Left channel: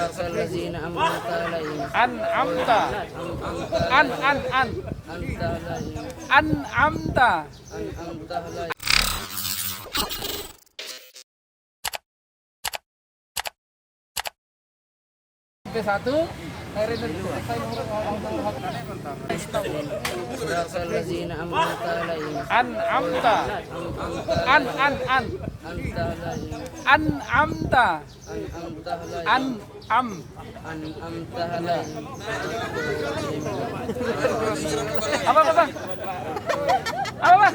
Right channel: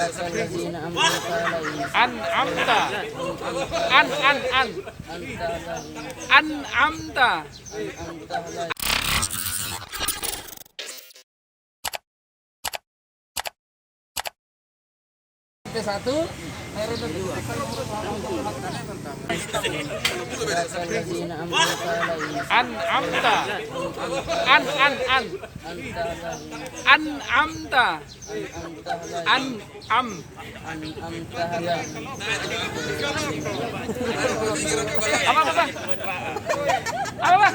صراط الذين أنعمت عليهم An'amta. أنت عليهم An'amta. أنعمت عليهم. Satu. صراط الذين أنعمت عليهم An'amta. أنت عليهم An'amta. أنعمت عليهم أنعمت عليهم. Apa apa? Apa apa?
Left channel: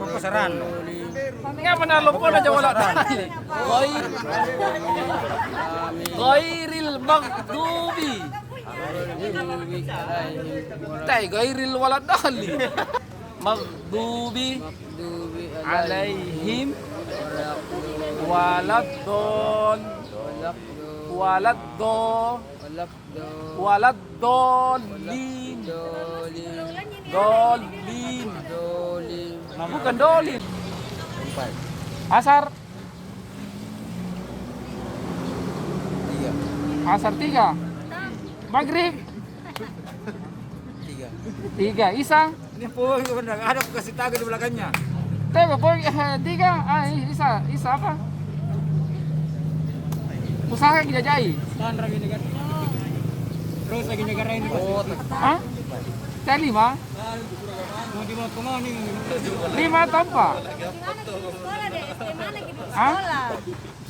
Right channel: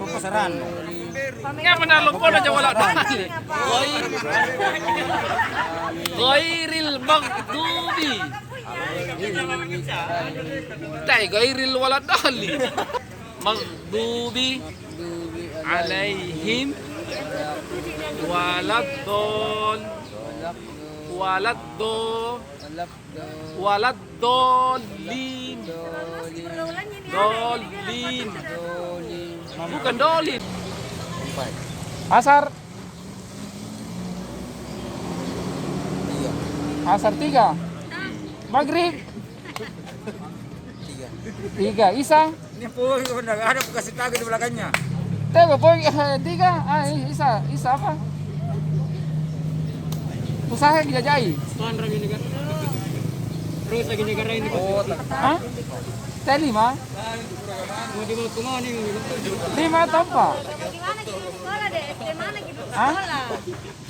Pasaran. Nga manalo po na wala tayo. Ghairil maghdubi. Tay ghairil wala dali. Maghdubi مغضوب alaihim waladdol waladdolin dolin. Bukan dolin. Asar. Iya. Asar 3. Maghrib 3. Isa. Ini po ada kasih tahu di belakangnya. Tega po 3. Isa apa? Usaha dijajai. Terus lagi negara ini. Oh, Hah? Kayak 5? 5 atau apa? Gimana gitu sekolah deh? SD mana gitu Hah? sekolah?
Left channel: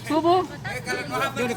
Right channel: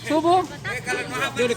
Subuh? dia di